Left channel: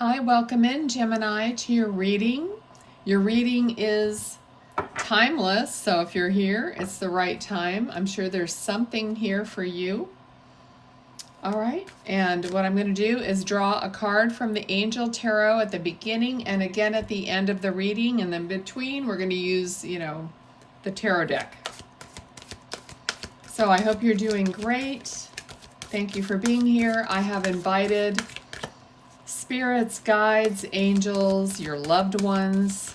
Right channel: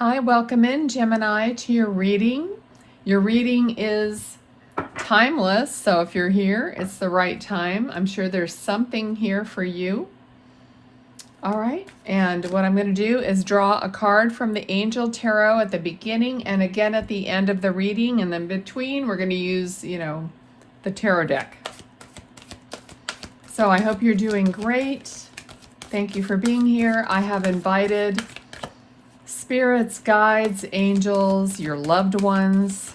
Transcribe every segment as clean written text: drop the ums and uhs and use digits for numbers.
Hi, welcome in Gemini to your reading. Your reading is timeless, so if you're here, it's the right time. I'm sure there's something here for you. All right, and what I'm going to do is draw a card from the Angel Tarot at the beginning and again at the end of the reading, and then between we're going to use, the tarot deck. So I hope you're doing great. Thank you for being here. I have invited spirits, guides, angels, your loved ones,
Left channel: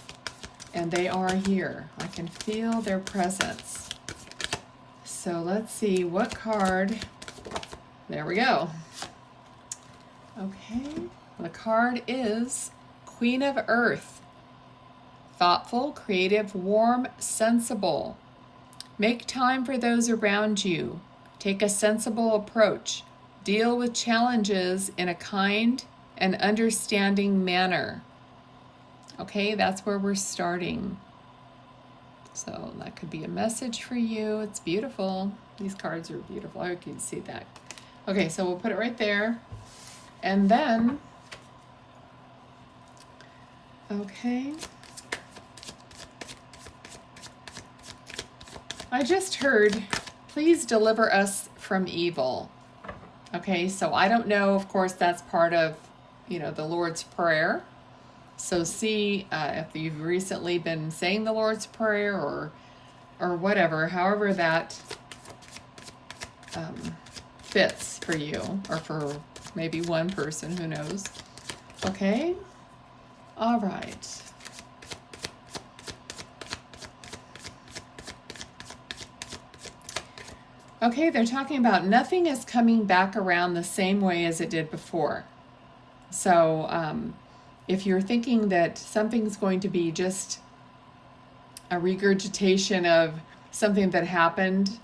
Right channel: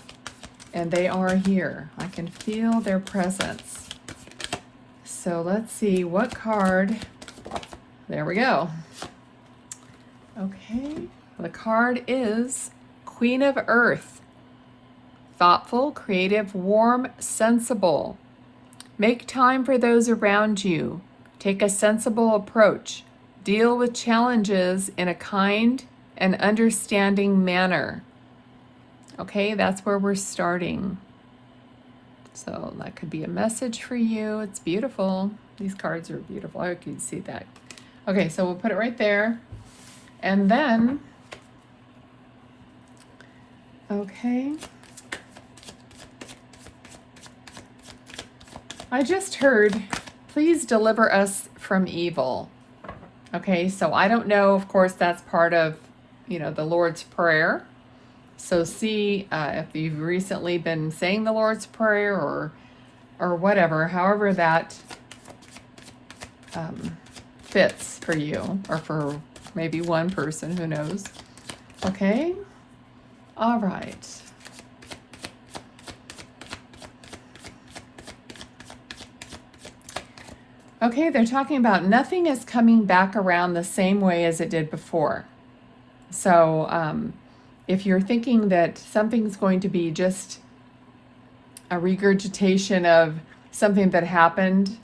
and they are here. I can feel their presence. So let's see what card. There we go. Okay, the card is Queen of Earth. Thoughtful, creative, warm, sensible. Make time for those around you. Take a sensible approach. Deal with challenges in a kind and understanding manner. Okay, that's where we're starting. So that could be a message for you. It's beautiful. These cards are beautiful. I hope you can see that. Okay, so we'll put it right there. And then, okay. I just heard, please deliver us from evil. Okay, so I don't know, of course, that's part of the Lord's Prayer. So see if you've recently been saying the Lord's Prayer or whatever, however that fits for you, or for maybe one person, who knows. Okay, all right. Okay, they're talking about nothing is coming back around the same way as it did before. So if you're thinking that something's going to be just a regurgitation of something that happened,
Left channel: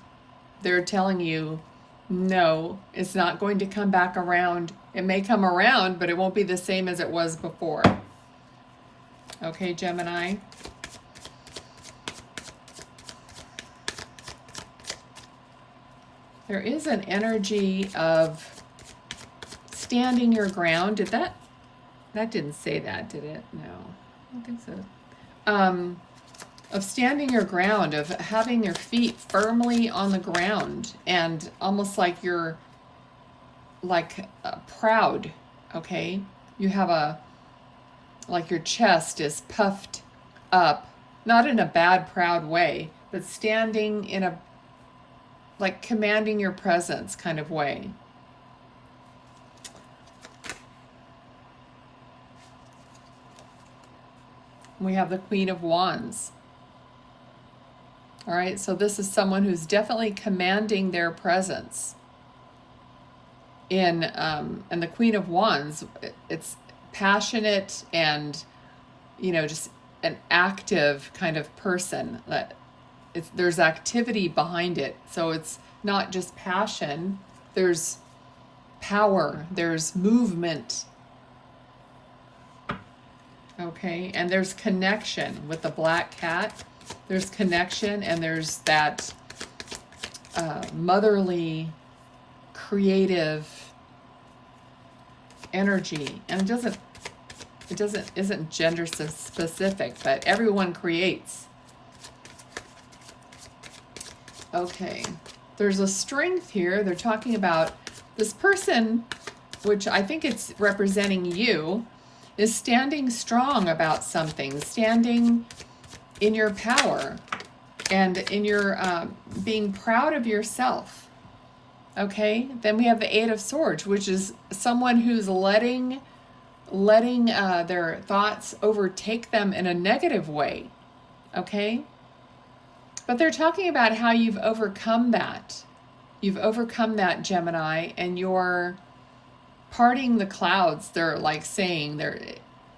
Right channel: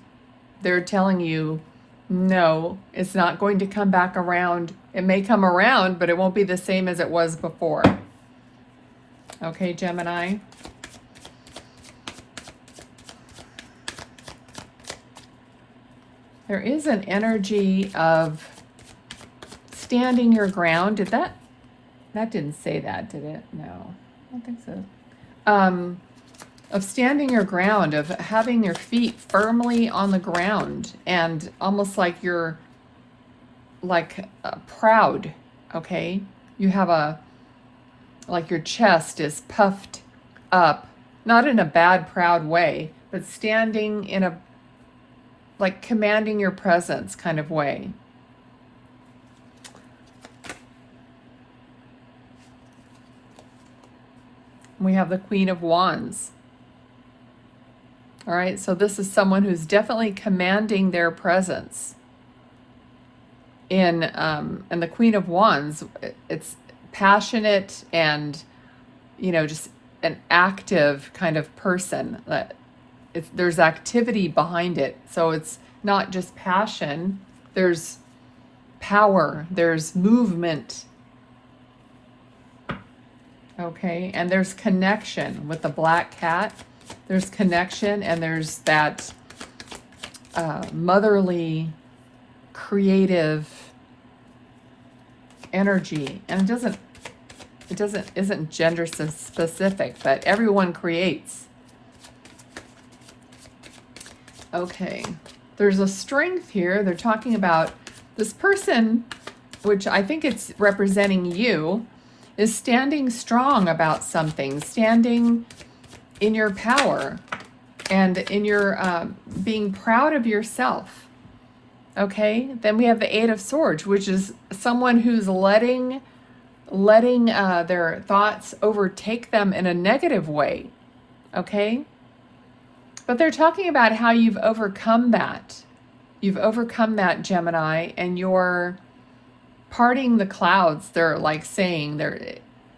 they're telling you, no, it's not going to come back around. It may come around, but it won't be the same as it was before. Okay, Gemini? There is an energy of standing your ground. Did that didn't say that, did it? No, I don't think so. Of standing your ground, of having your feet firmly on the ground, and almost like you're proud, okay? You have like your chest is puffed up, not in a bad, proud way, but standing in a, like commanding your presence kind of way. We have the Queen of Wands. All right, so this is someone who's definitely commanding their presence. And the Queen of Wands, it's passionate and, just an active kind of person. There's activity behind it. So it's not just passion, there's power, there's movement. Okay, and there's connection with the black cat. There's connection, and there's that motherly, creative energy. And it isn't gender specific, but everyone creates. Okay, there's a strength here. They're talking about this person, which I think it's representing you, is standing strong about something, standing in your power, and in your being proud of yourself. Okay, then we have the Eight of Swords, which is someone who's letting their thoughts overtake them in a negative way. Okay, but they're talking about how you've overcome that. You've overcome that, Gemini, and you're parting the clouds. They're like saying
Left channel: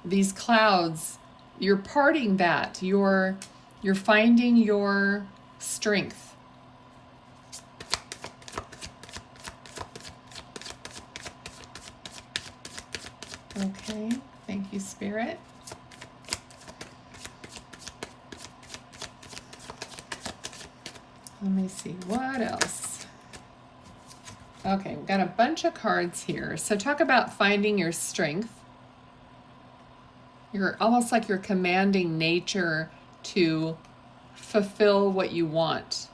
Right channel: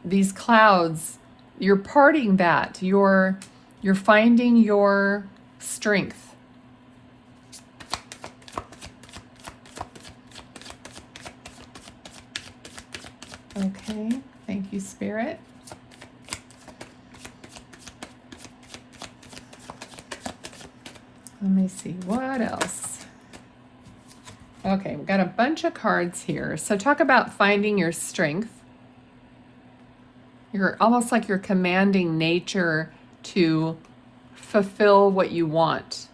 these clouds, you're parting that. You're finding your strength. Okay, thank you, Spirit. Let me see, what else? Okay, we've got a bunch of cards here. So talk about finding your strength. You're almost like you're commanding nature to fulfill what you want.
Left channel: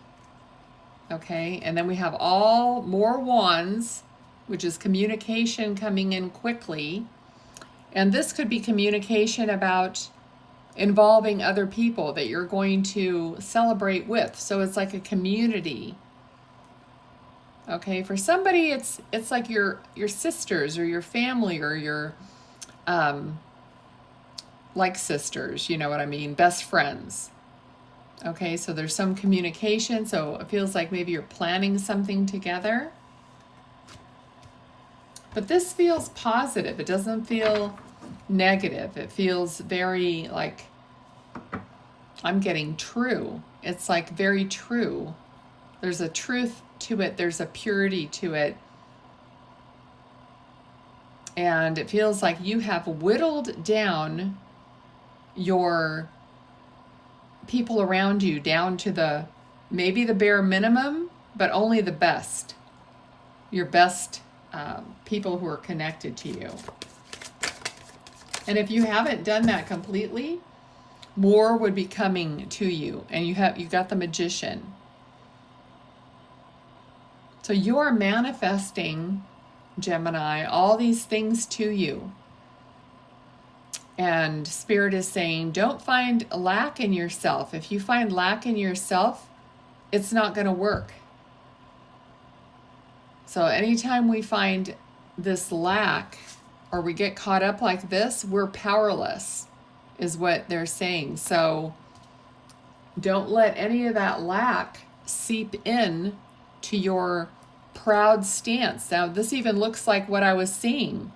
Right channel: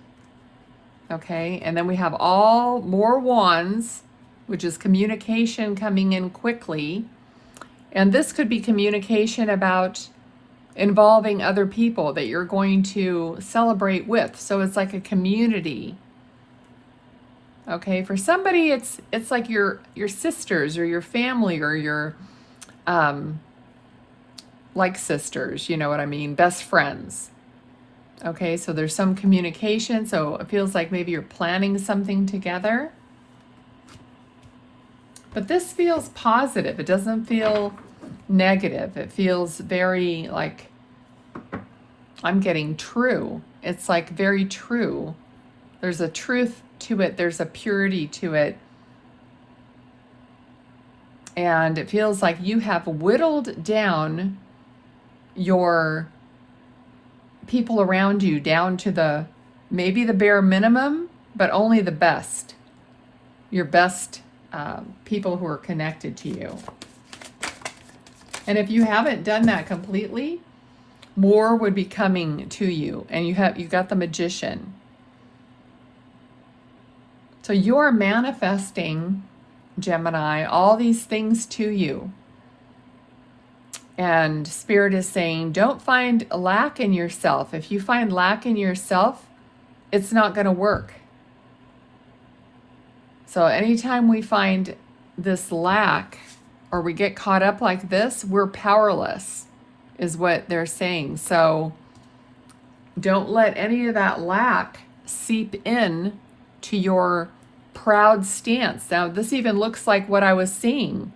Okay, and then we have all more wands, which is communication coming in quickly. And this could be communication about involving other people that you're going to celebrate with. So it's like a community. Okay, for somebody it's like your sisters or your family or your like sisters, you know what I mean, best friends. Okay, so there's some communication, so it feels like maybe you're planning something together. But this feels positive. It doesn't feel negative. It feels very like, I'm getting true. It's like very true. There's a truth to it. There's a purity to it. And it feels like you have whittled down your people around you down to maybe the bare minimum, but only the best. Your best people who are connected to you. And if you haven't done that completely, more would be coming to you. And you've got the Magician. So you're manifesting, Gemini, all these things to you. And Spirit is saying, don't find lack in yourself. If you find lack in yourself, it's not going to work. So anytime we find this lack, or we get caught up like this, we're powerless, is what they're saying. So don't let any of that lack seep in to your proud stance. Now, this even looks like what I was seeing.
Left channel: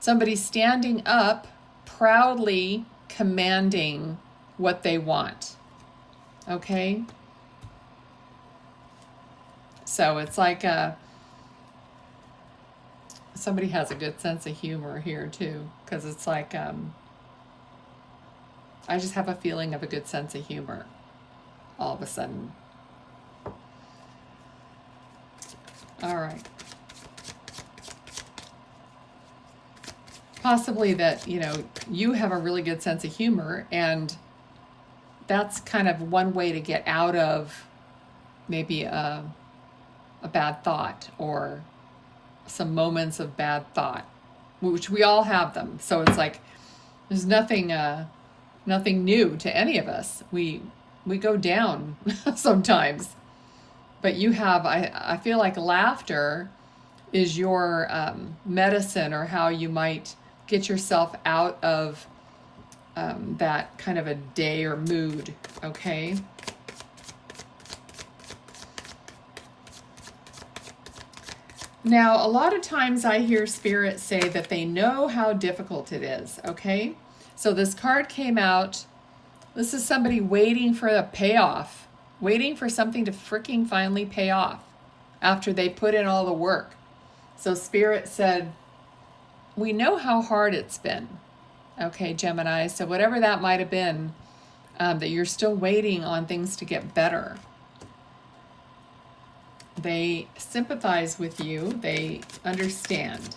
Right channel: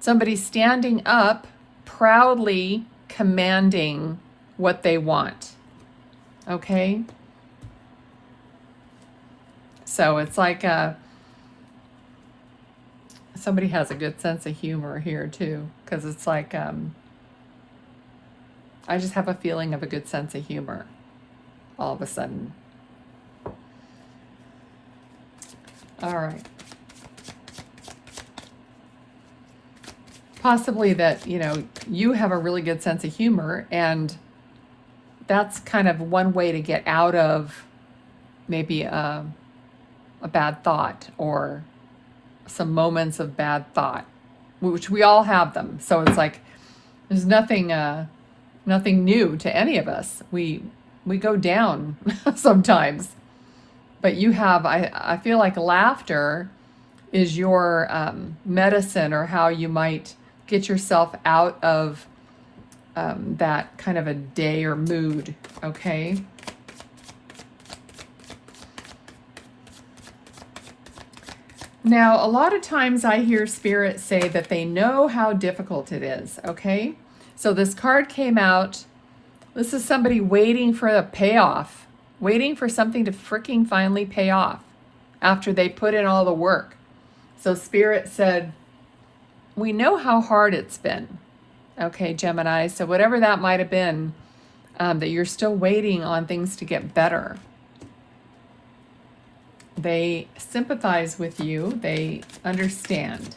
Somebody standing up, proudly commanding what they want. Okay? So it's like somebody has a good sense of humor here too, because it's like I just have a feeling of a good sense of humor all of a sudden. All right. Possibly that, you have a really good sense of humor, and that's kind of one way to get out of maybe a bad thought or some moments of bad thought, which we all have them. So it's like there's nothing new to any of us. We go down sometimes, but you have, I feel like laughter is your medicine, or how you might get yourself out of that kind of a day or mood. Okay. Now, a lot of times I hear Spirit say that they know how difficult it is, okay? So this card came out. This is somebody waiting for the payoff, waiting for something to freaking finally pay off after they put in all the work. So Spirit said, we know how hard it's been, okay, Gemini? So whatever that might have been, that you're still waiting on things to get better. They sympathize with you. They understand.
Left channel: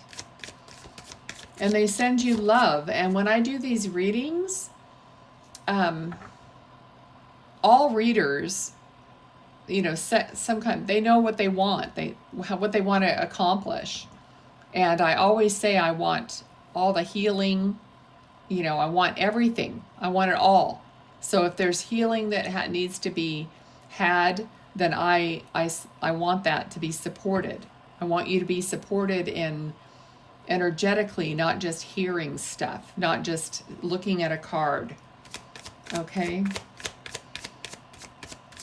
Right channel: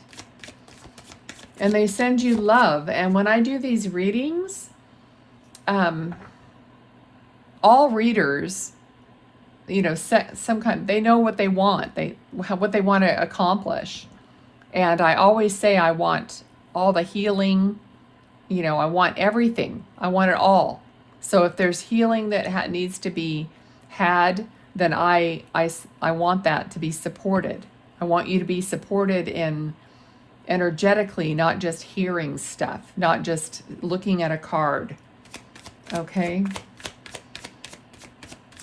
And they send you love. And when I do these readings, all readers, they know what they want. What they want to accomplish. And I always say I want all the healing. I want everything. I want it all. So if there's healing that needs to be had, then I want that to be supported. I want you to be supported in energetically, not just hearing stuff, not just looking at a card. Okay?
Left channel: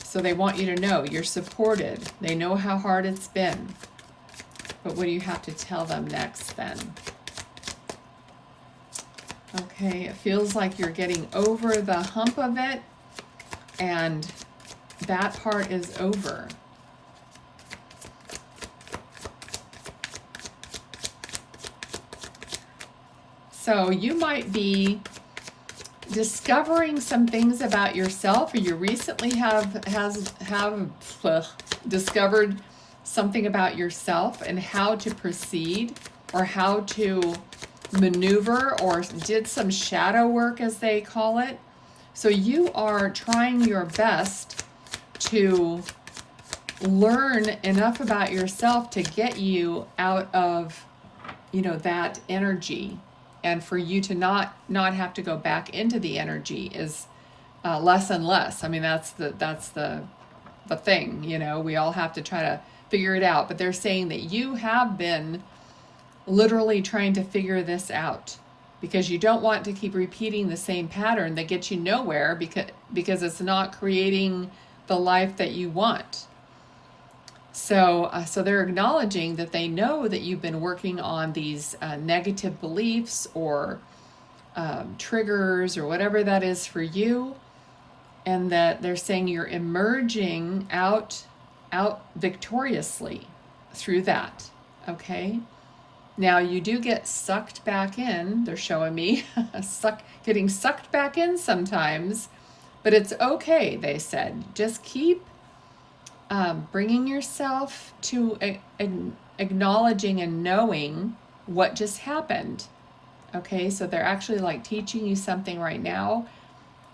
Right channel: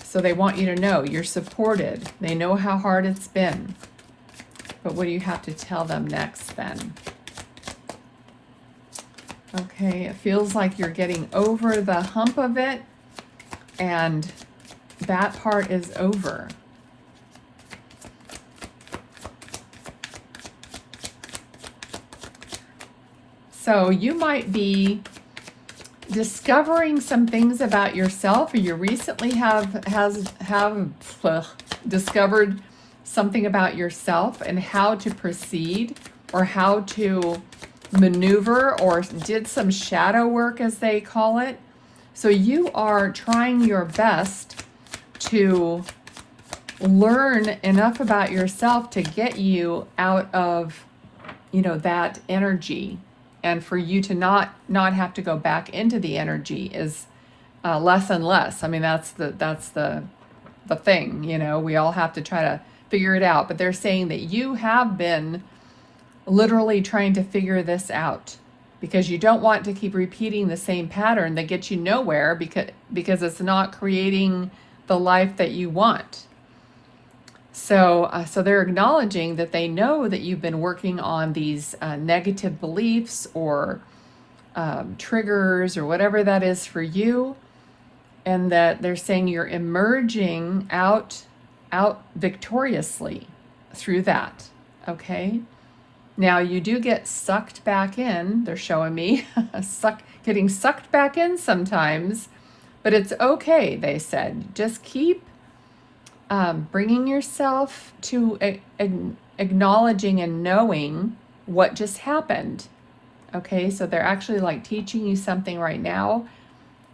So they want you to know you're supported. They know how hard it's been. But what do you have to tell them next then? Okay, it feels like you're getting over the hump of it, and that part is over. So you might be discovering some things about yourself, or you recently have discovered something about yourself and how to proceed, or how to maneuver or did some shadow work, as they call it. So you are trying your best to learn enough about yourself to get you out of, you know, that energy, and for you to not have to go back into the energy is less and less. I mean, that's the thing, you know, we all have to try to figure it out. But they're saying that you have been literally trying to figure this out, because you don't want to keep repeating the same pattern that gets you nowhere, because it's not creating the life that you want. So they're acknowledging that they know that you've been working on these negative beliefs or triggers or whatever that is for you, and that they're saying you're emerging out victoriously through that. Okay. Now you do get sucked back in. They're showing me getting sucked back in sometimes, but it's okay. They said just keep bringing yourself to acknowledging and knowing what just happened. Okay, so they're actually like teaching you something right now.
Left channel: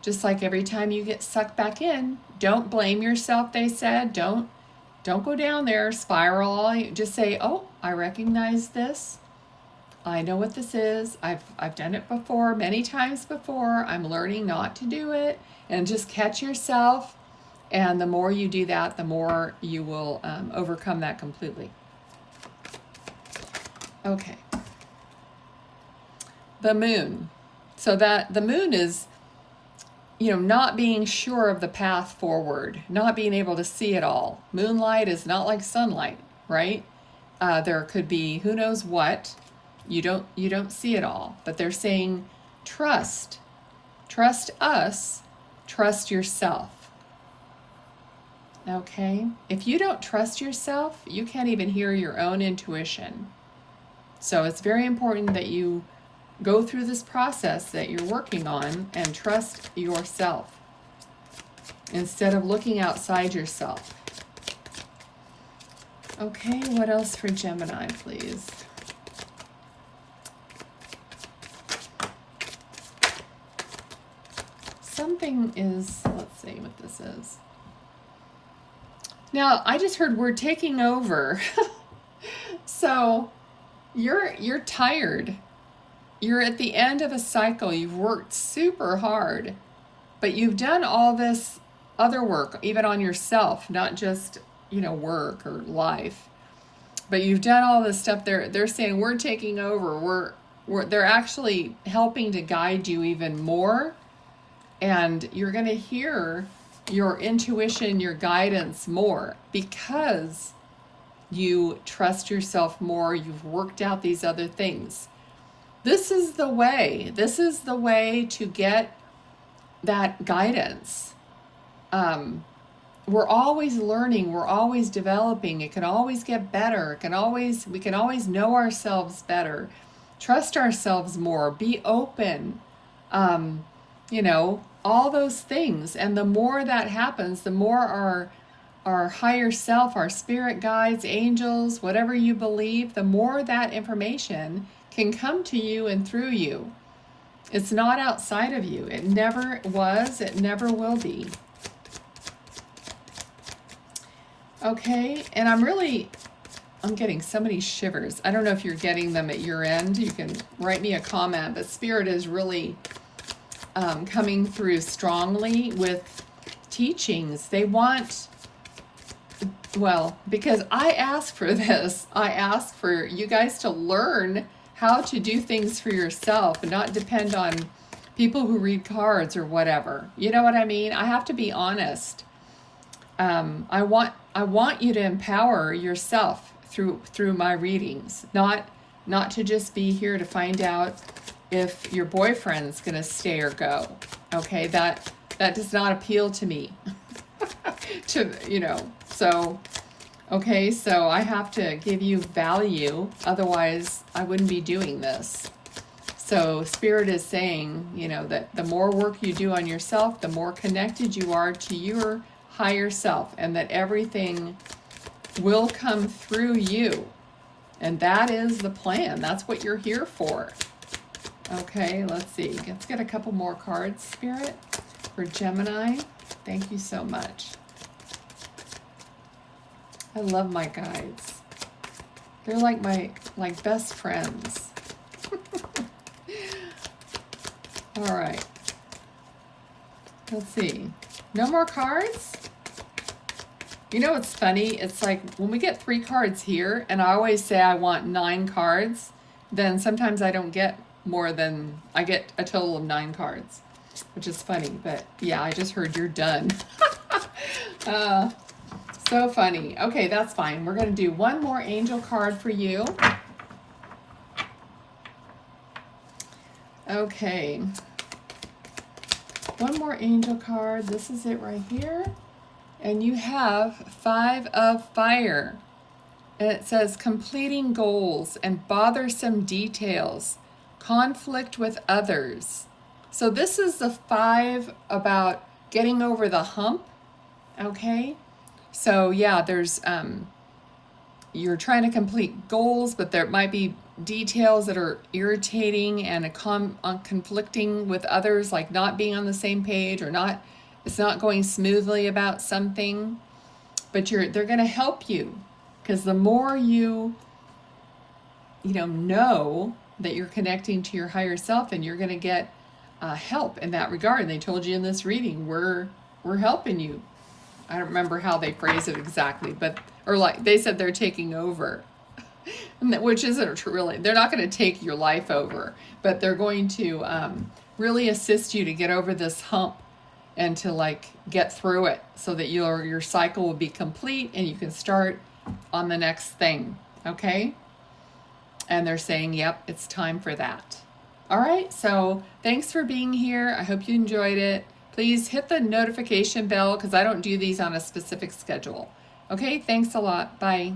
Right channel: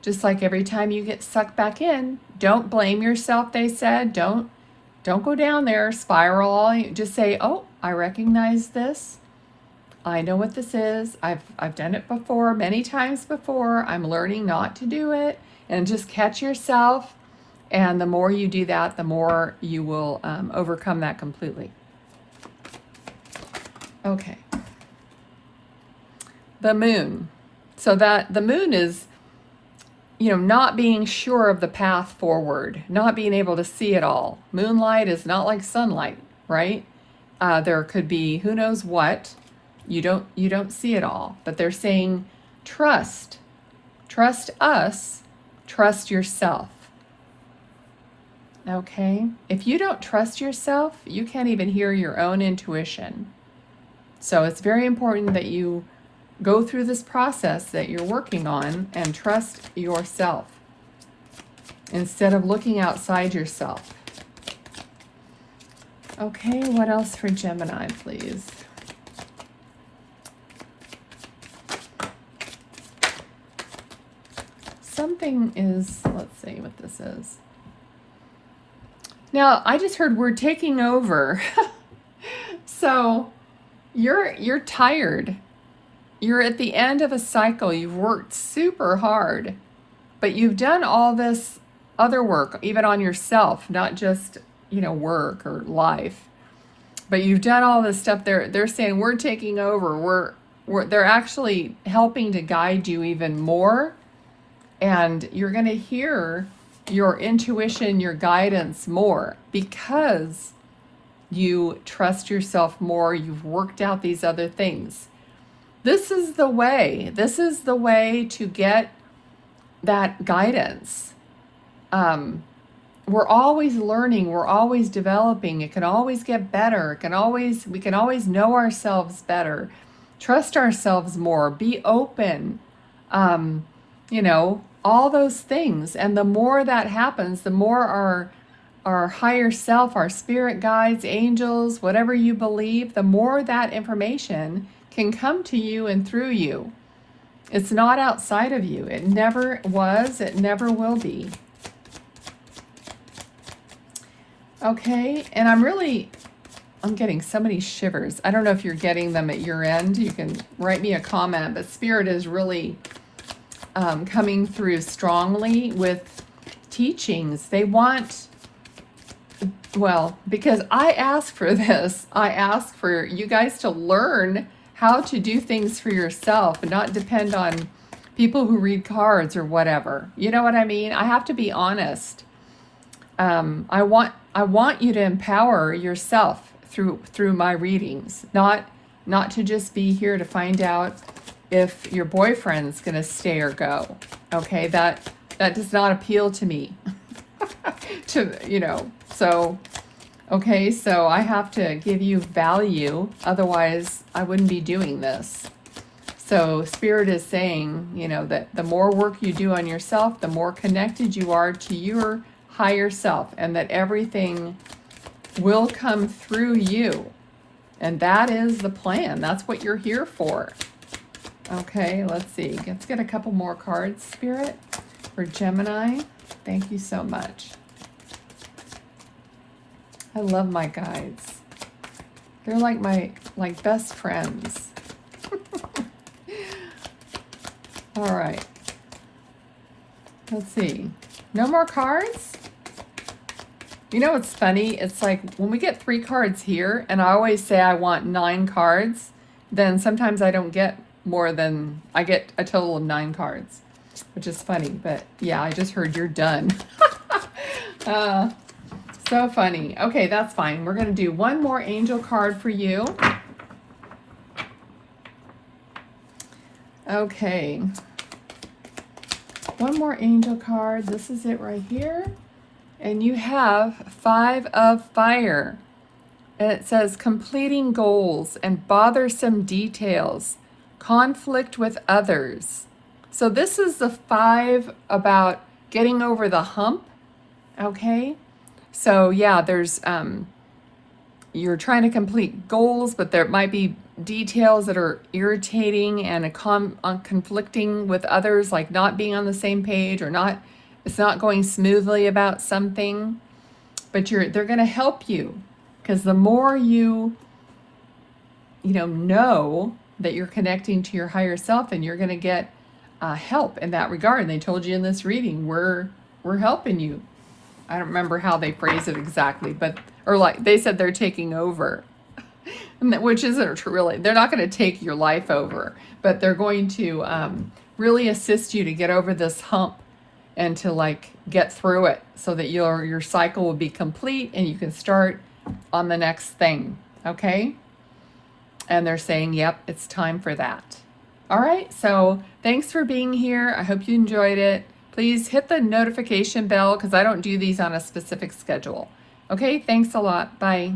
Just like every time you get sucked back in, don't blame yourself, they said. Don't go down there, spiral. Just say, oh, I recognize this. I know what this is. I've done it before, many times before. I'm learning not to do it. And just catch yourself. And the more you do that, the more you will overcome that completely. Okay. The moon. So that the moon is, you know, not being sure of the path forward, not being able to see it all. Moonlight is not like sunlight, right? There could be who knows what. You don't see it all. But they're saying trust. Trust us. Trust yourself. Okay? If you don't trust yourself, you can't even hear your own intuition. So it's very important that you go through this process that you're working on and trust yourself instead of looking outside yourself. Okay, what else for Gemini, please? Something is, let's see what this is. Now, I just heard we're taking over. So you're tired. You're at the end of a cycle. You've worked super hard, but you've done all this other work, even on yourself, not just, you know, work or life, but you've done all this stuff. They're saying we're taking over. They're actually helping to guide you even more, and you're going to hear your intuition, your guidance more, because you trust yourself more. You've worked out these other things. This is the way. This is the way to get that guidance. We're always learning. We're always developing. It can always get better. We can always know ourselves better. Trust ourselves more. Be open. You know, all those things. And the more that happens, the more our higher self, our spirit guides, angels, whatever you believe, the more that information can come to you and through you. It's not outside of you. It never was. It never will be. Okay, and I'm getting so many shivers. I don't know if you're getting them at your end. You can write me a comment, but Spirit is really coming through strongly with teachings. They want, well, because I asked for this. I asked for you guys to learn how to do things for yourself and not depend on people who read cards or whatever. You know what I mean? I have to be honest. I want you to empower yourself through my readings, not to just be here to find out if your boyfriend's going to stay or go. Okay, that does not appeal to me. So okay, so I have to give you value, otherwise I wouldn't be doing this. So Spirit is saying, you know, that the more work you do on yourself, the more connected you are to your higher self, and that everything will come through you. And that is the plan. That's what you're here for. Okay, let's see. Let's get a couple more cards, Spirit, for Gemini. Thank you so much. I love my guides. They're like my best friends. All right. Let's see. No more cards? You know what's funny? It's like when we get 3 cards here, and I always say I want 9 cards, then sometimes I don't get more than, I get a total of 9 cards, which is funny. But yeah, I just heard you're done. So funny. Okay, that's fine. We're going to do one more angel card for you. Okay. One more angel card. This is it right here. And you have 5 of Fire. And it says completing goals and bothersome details, conflict with others. So this is the 5 about getting over the hump. Okay. So yeah, there's you're trying to complete goals, but there might be details that are irritating and conflicting with others, like not being on the same page, or it's not going smoothly about something. But they're going to help you, because the more you know that you're connecting to your higher self, and you're going to get help in that regard. And they told you in this reading, we're helping you. I don't remember how they phrase it exactly, or like they said they're taking over, which isn't really, they're not going to take your life over, but they're going to really assist you to get over this hump and to get through it, so that your cycle will be complete and you can start on the next thing. Okay? And they're saying, yep, it's time for that. All right, so thanks for being here. I hope you enjoyed it. Please hit the notification bell, because I don't do these on a specific schedule. Okay, thanks a lot. Bye.